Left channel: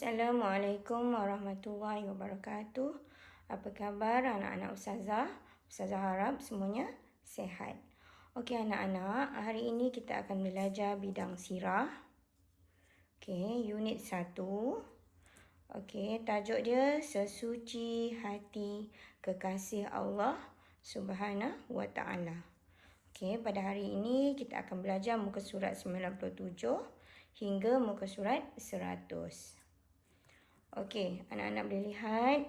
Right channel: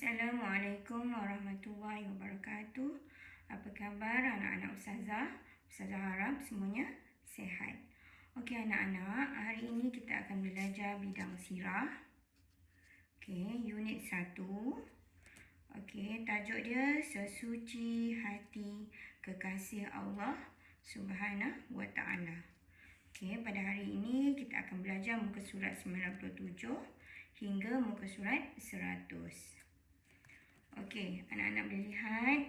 Assalamualaikum warahmatullahi wabarakatuh. Apa khabar anak-anak Ustazah? Ustazah harap semuanya sihat. Okey anak-anak, hari ini kita akan belajar bidang sirah. Okey, unit 1. Okey, tajuk dia Sesuci Hati Kekasih Allah Subhanahu wa Ta'ala. Okey, pada hari ini kita akan belajar muka surat 97 hingga muka surat 100. Okey, anak-anak boleh lihat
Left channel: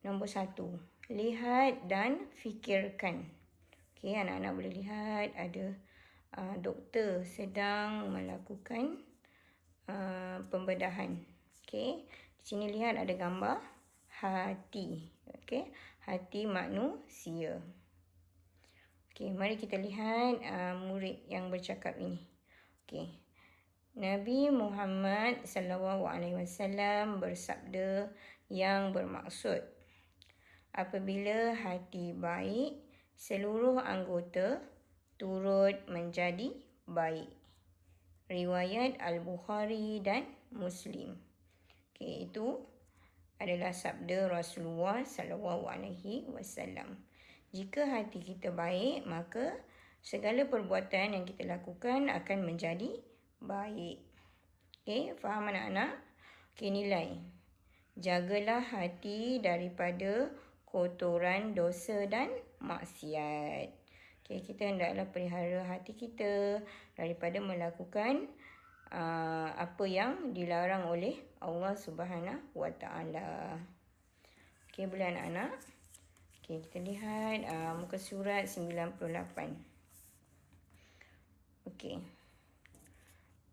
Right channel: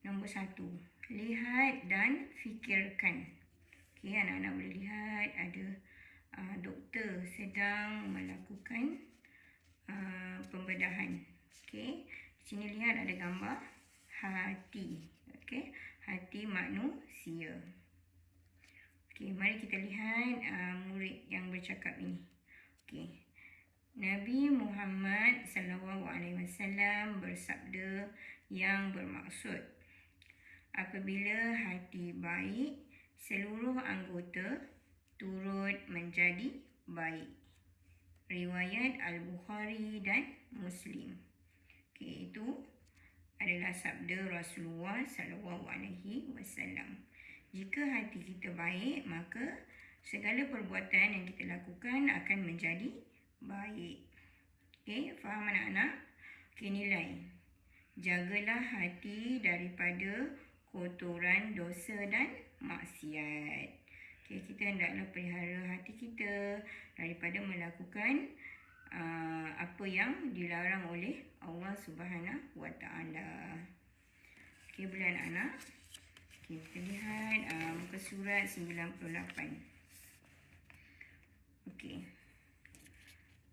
nombor 1. Lihat dan fikirkan. Okey, anak-anak boleh lihat ada doktor sedang melakukan pembedahan. Okey, di sini lihat ada gambar hati. Okey, hati manusia. Okey, mari kita lihat murid yang bercakap ini. Okey. Nabi Muhammad SAW bersabda yang bermaksud, apabila hati baik, seluruh anggota turut menjadi baik. Riwayat Al-Bukhari dan Muslim. Okey, itu adalah sabda Rasulullah SAW. Jika hati kita baik, maka segala perbuatan yang kita lakukan akan menjadi baik. Okey, faham anak-anak? Okey, nilai. Jagalah hati daripada kotoran dosa dan maksiat. Okey, kita hendaklah pelihara hati kita daripada melakukan apa yang dilarang oleh Allah Subhanahu wa Ta'ala. Okey, boleh anak-anak? Okey, kita lihat muka surat 98. Okey.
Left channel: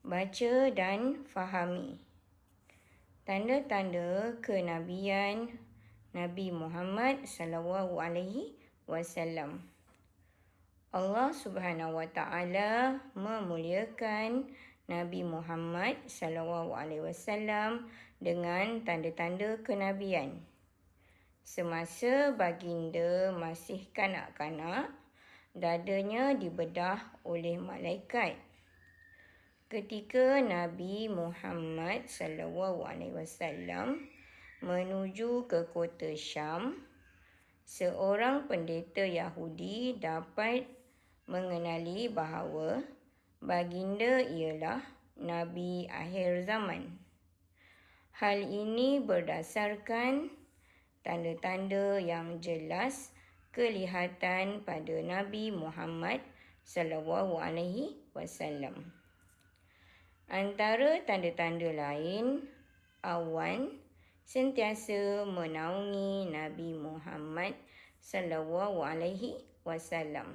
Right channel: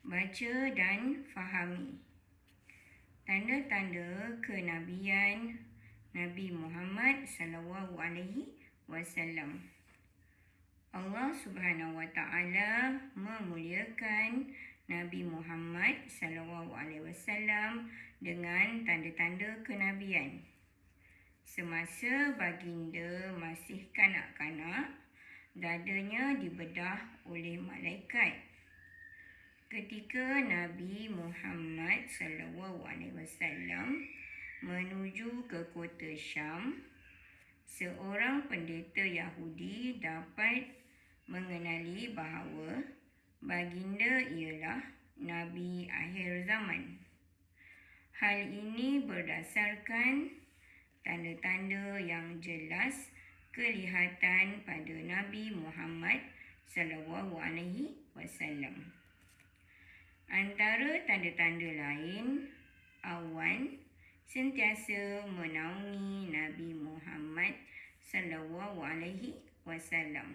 Baca dan fahami. Tanda-tanda kenabian Nabi Muhammad SAW. Allah Subhanahu wa Ta'ala memuliakan Nabi Muhammad SAW dengan tanda-tanda kenabian. Semasa baginda masih kanak-kanak, dadanya dibedah oleh malaikat. Ketika Nabi Muhammad SAW menuju ke kota Syam, seorang pendeta Yahudi dapat mengenali bahawa baginda ialah Nabi akhir zaman. Hal ini berdasarkan tanda-tanda yang jelas kelihatan pada Nabi Muhammad SAW. Antara tanda-tanda lain, awan sentiasa menaungi Nabi Muhammad SAW.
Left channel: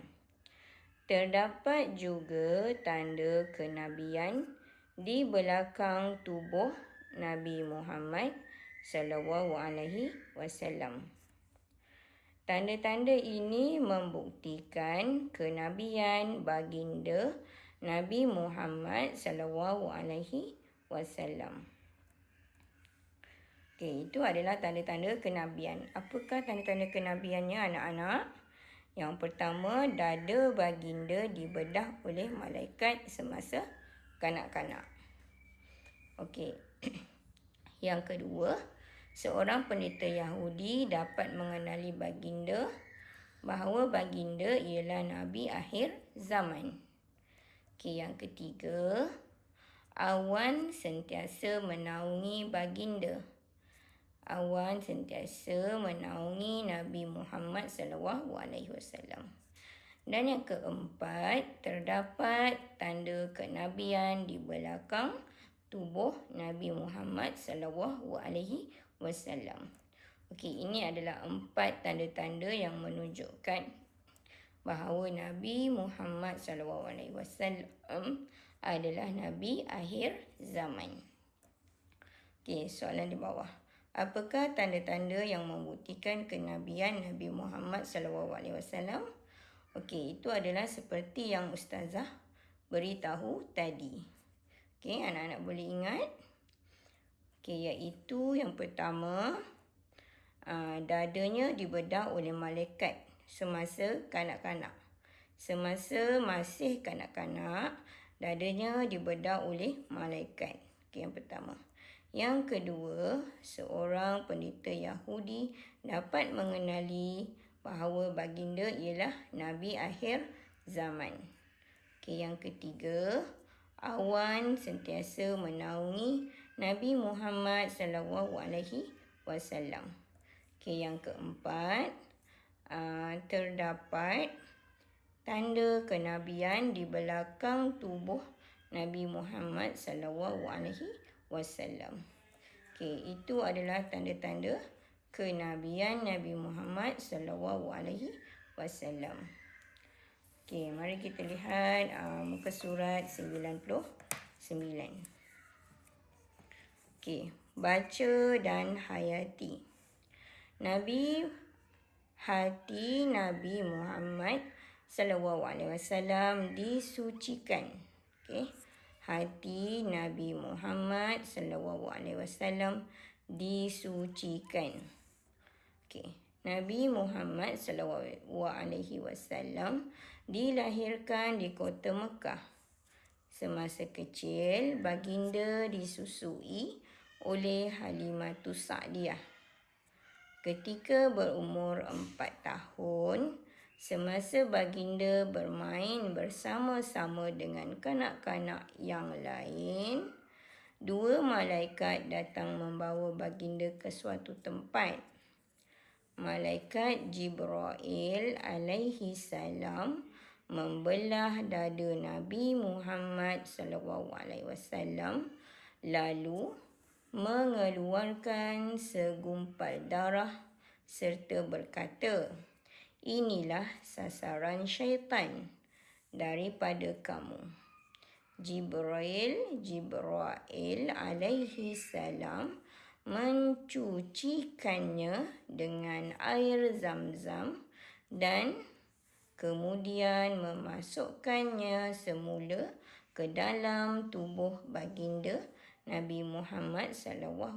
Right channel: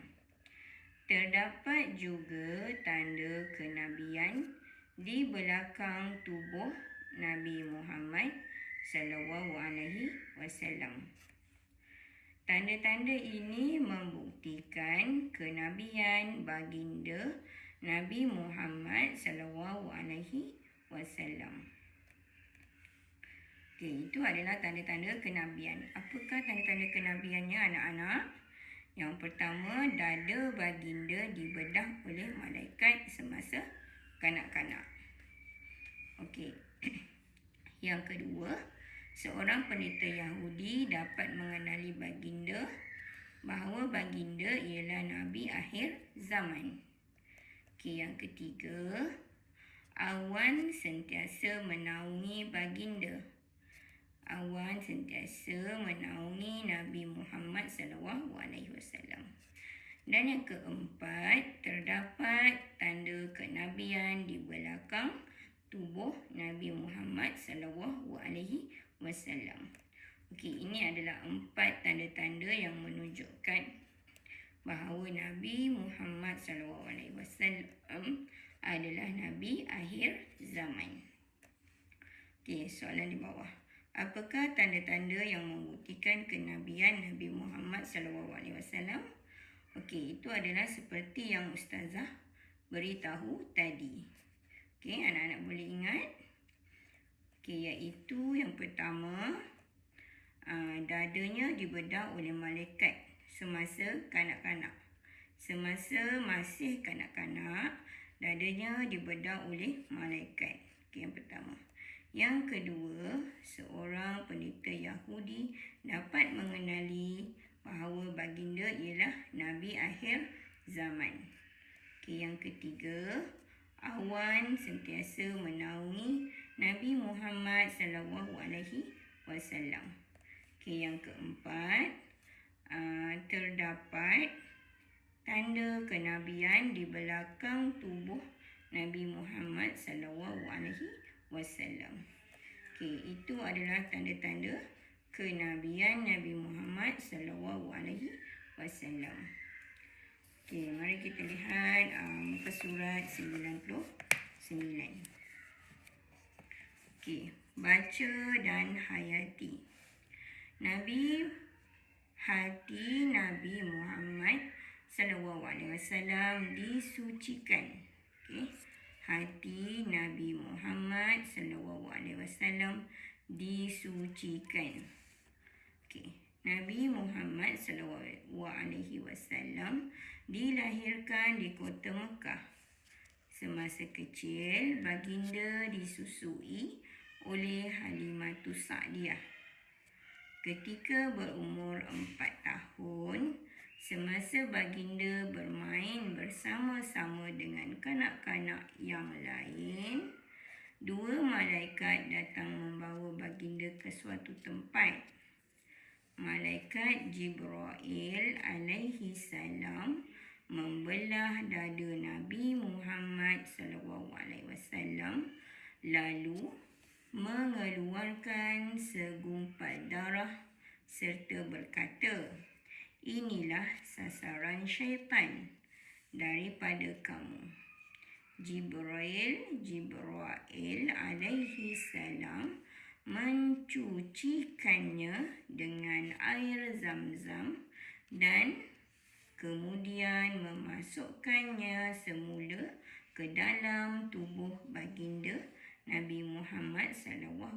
Terdapat juga tanda kenabian di belakang tubuh Nabi Muhammad SAW. Tanda-tanda ini membuktikan kenabian baginda Nabi Muhammad SAW. Okey, itu adalah tanda-tanda kenabian. Apakah tanda-tanda kenabiannya anak-anak? Yang pertama, dada baginda dibedah oleh malaikat semasa kanak-kanak. Okey. Yang kedua, seorang pendeta Yahudi dapat mengenali baginda bahawa baginda ialah Nabi akhir zaman. Okey, yang ketiga, awan sentiasa menaungi baginda. Awan sentiasa menaungi Nabi Muhammad SAW. Dan yang keempat, terdapat tanda kenabian di belakang tubuh Nabi Muhammad SAW. Okey, ini adalah 4 tanda-tanda yang menunjukkan bahawa Nabi Muhammad SAW adalah Nabi akhir zaman. Okey, soalan di bawah. Apakah tanda-tanda yang membuktikan kenabian Nabi Muhammad SAW? Okey, itu adalah seperti yang Ustazah beritahu tadi. Okey, anak-anak boleh ingat? Okey, iaitu yang pertama, dadanya dibedah oleh malaikat semasa kanak-kanak. Semasa masih kanak-kanak, dadanya dibedah oleh malaikat. Okey, yang pertama. Yang kedua, seorang pendeta Yahudi dapat mengenali bahawa baginda ialah Nabi akhir zaman. Yang ketiga, awan sentiasa menaungi Nabi Muhammad SAW. Yang keempat, terdapat tanda kenabian di belakang tubuh Nabi Muhammad SAW. Itu adalah tanda-tanda kenabian Nabi Muhammad SAW. Mari kita lihat muka surat 99. Baca dan hayati. Hati Nabi Muhammad SAW disucikan. Hati Nabi Muhammad SAW disucikan. Nabi Muhammad SAW dilahirkan di kota Mekah. Semasa kecil, baginda disusui oleh Halimatus Sa'diyah. Ketika berumur 4 tahun, semasa baginda bermain bersama-sama dengan kanak-kanak yang lain, 2 malaikat datang membawa baginda ke suatu tempat. Malaikat Jibril alaihi salam membelah dada Nabi Muhammad SAW lalu mengeluarkan segumpal darah serta berkata, "Inilah sasaran syaitan daripada kamu." Jibril alaihi salam mencucikannya dengan air Zam-Zam dan kemudian memasukkannya semula ke dalam tubuh baginda Nabi Muhammad SAW.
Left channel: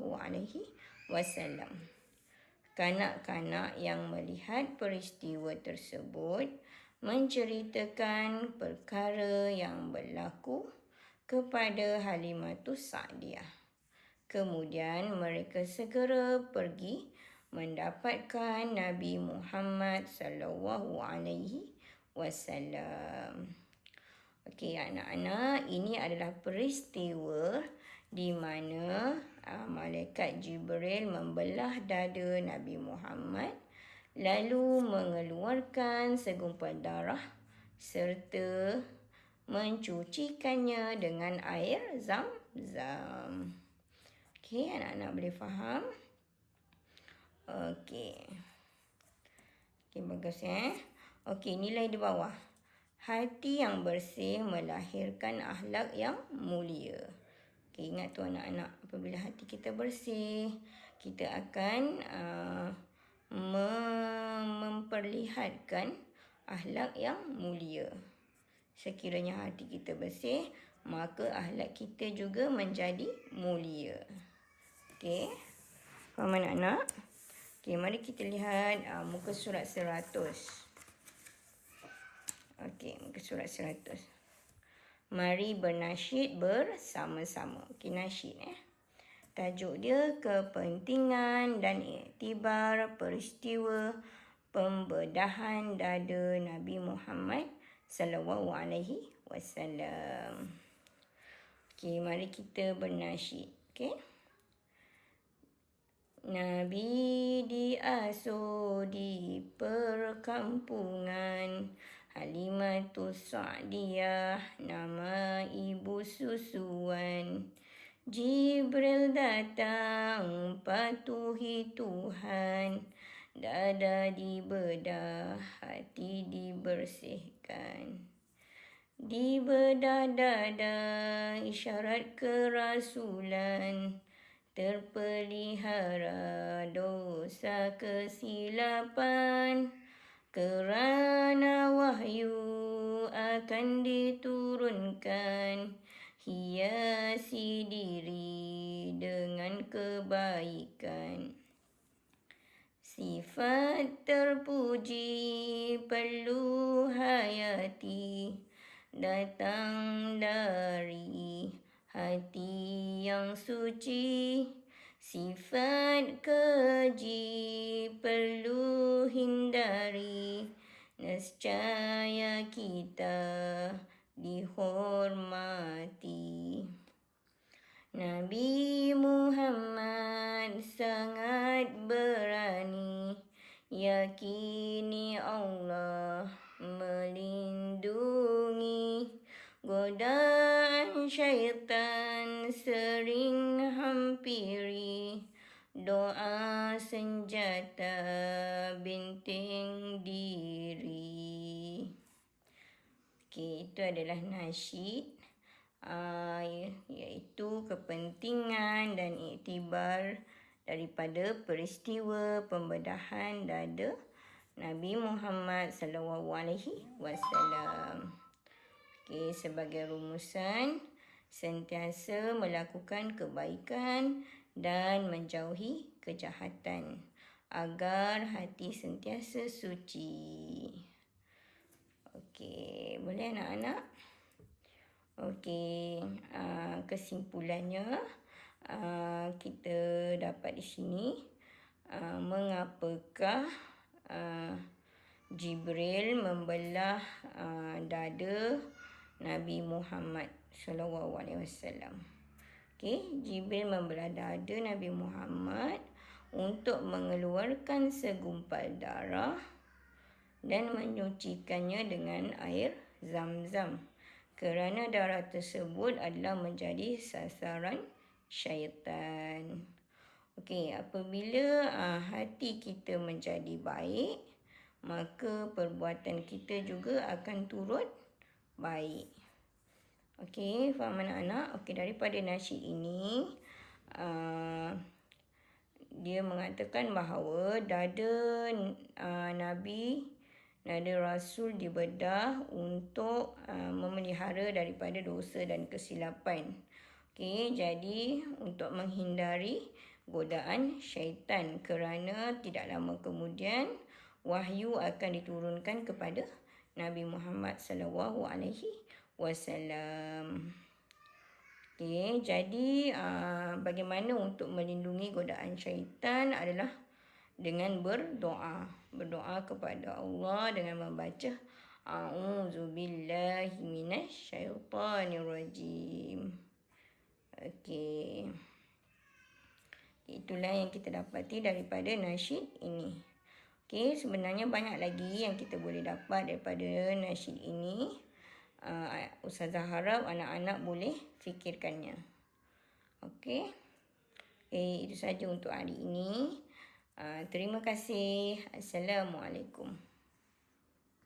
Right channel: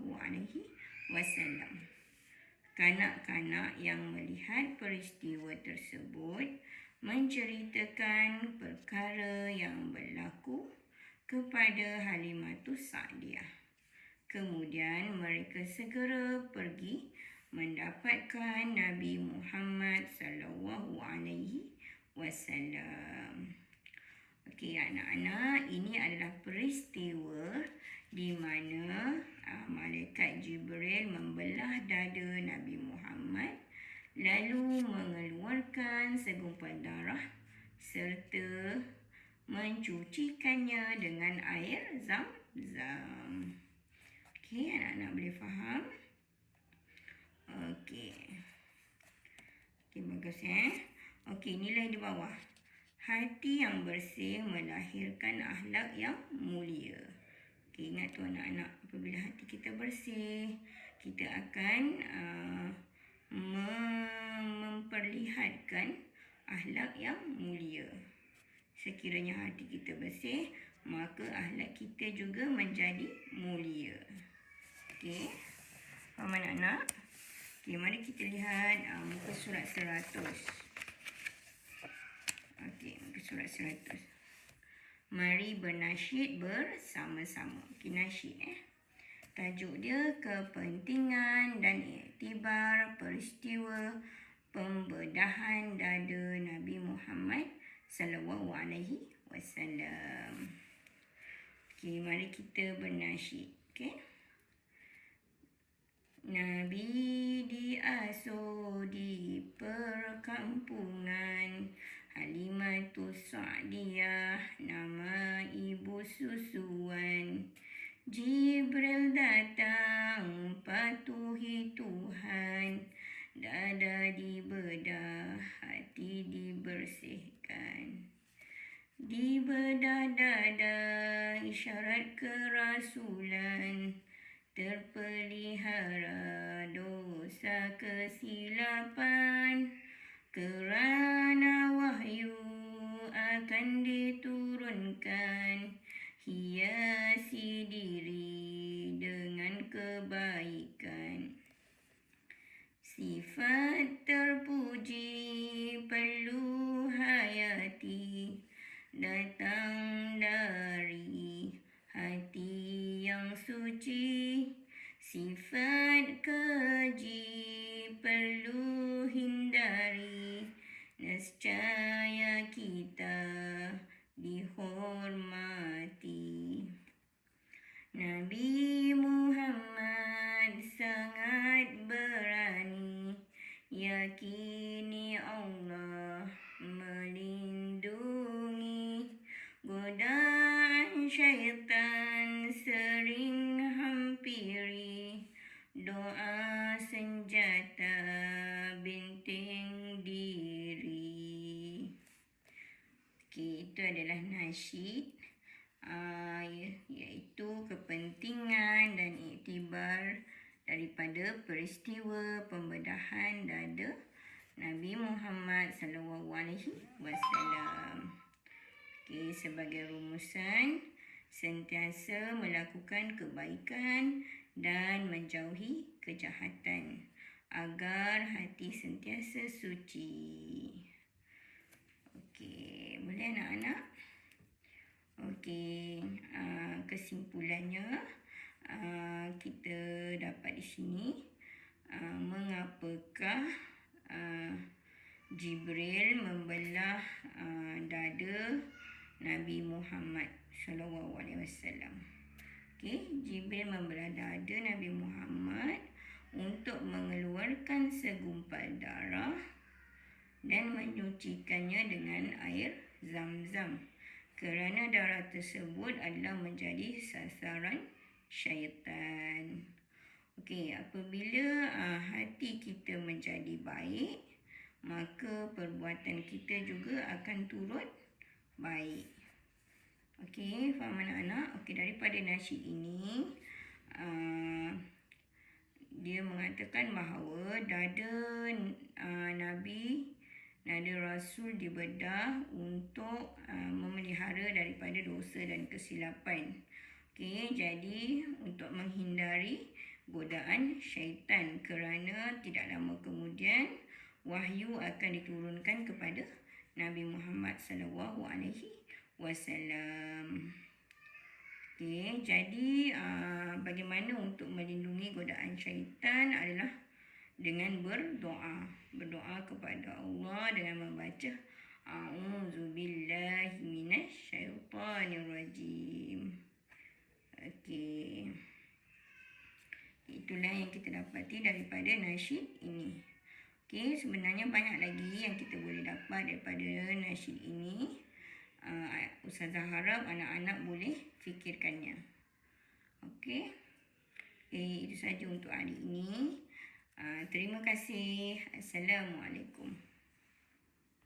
Kanak-kanak yang melihat peristiwa tersebut menceritakan perkara yang berlaku kepada Halimatus Sa'diyah. Kemudian mereka segera pergi mendapatkan Nabi Muhammad SAW. Anak-anak, ini adalah peristiwa di mana Malaikat Jibril membelah dada Nabi Muhammad lalu mengeluarkan segumpal darah serta mencucikannya dengan air Zam-Zam. Anak-anak boleh faham? Bagus nilai di bawah. Hati yang bersih melahirkan akhlak yang mulia. Ingat tu anak-anak, apabila hati kita bersih, kita akan memperlihatkan akhlak yang mulia. Sekiranya hati kita bersih, maka akhlak kita juga menjadi mulia. Faham anak-anak? Mari kita lihat muka surat 100. Muka surat 100. Mari bernasyid bersama-sama. Nasyid tajuk dia kepentingan dan iktibar peristiwa pembedahan dada Nabi Muhammad SAW. Mari kita bernasyid. Nabi diasuh di perkampungan Halimatus Sa'diyah, nama ibu susuan. Jibril datang patuhi Tuhan, dada dibedah, hati dibersihkan. Dibedah dada isyarat kerasulan, terpelihara dosa kesilapan. Kerana wahyu akan diturunkan, hiasi diri dengan kebaikan. Sifat terpuji perlu hayati, datang dari hati yang suci. Sifat keji perlu hindari, nescaya kita dihormati. Nabi Muhammad sangat berani, yakini Allah melindungi. Godaan syaitan sering hampiri, doa senjata benteng diri. Okey, itu adalah nasyid, iaitu kepentingan dan iktibar daripada peristiwa pembedahan dada Nabi Muhammad SAW. Okey, sebagai rumusan, sentiasa melakukan kebaikan dan menjauhi kejahatan agar hati sentiasa suci. Okey, boleh anak-anak? Okey, kesimpulannya kita dapat di sini mengapakah Jibril membelah dada Nabi Muhammad SAW. Okey, Jibril membelah dada Nabi Muhammad untuk mengeluarkan segumpal darah dan menyucikannya dengan air Zam-Zam, kerana darah tersebut adalah menjadi sasaran syaitan. Okey, apabila hati kita menjadi baik, maka perbuatan kita juga akan turut baik. Okey, faham anak-anak? Okey, daripada nasyid ini, dia mengatakan bahawa dada Nabi, dada Rasul dibedah untuk memelihara daripada dosa dan kesilapan. Okey, jadi untuk menghindari godaan syaitan, kerana tidak lama kemudian wahyu akan diturunkan kepada Nabi Muhammad SAW. Okey, jadi bagaimana untuk melindungi godaan syaitan adalah dengan berdoa. Berdoa kepada Allah dengan membaca A'udzubillahi minasyaitanirrajim. Okey, itulah yang kita dapati daripada nasyid ini. Okey, sebenarnya banyak lagi yang kita boleh dapat daripada nasyid ini. Ustazah harap anak-anak boleh fikirkannya. Okey. Itu saja untuk hari ini. Terima kasih. Assalamualaikum.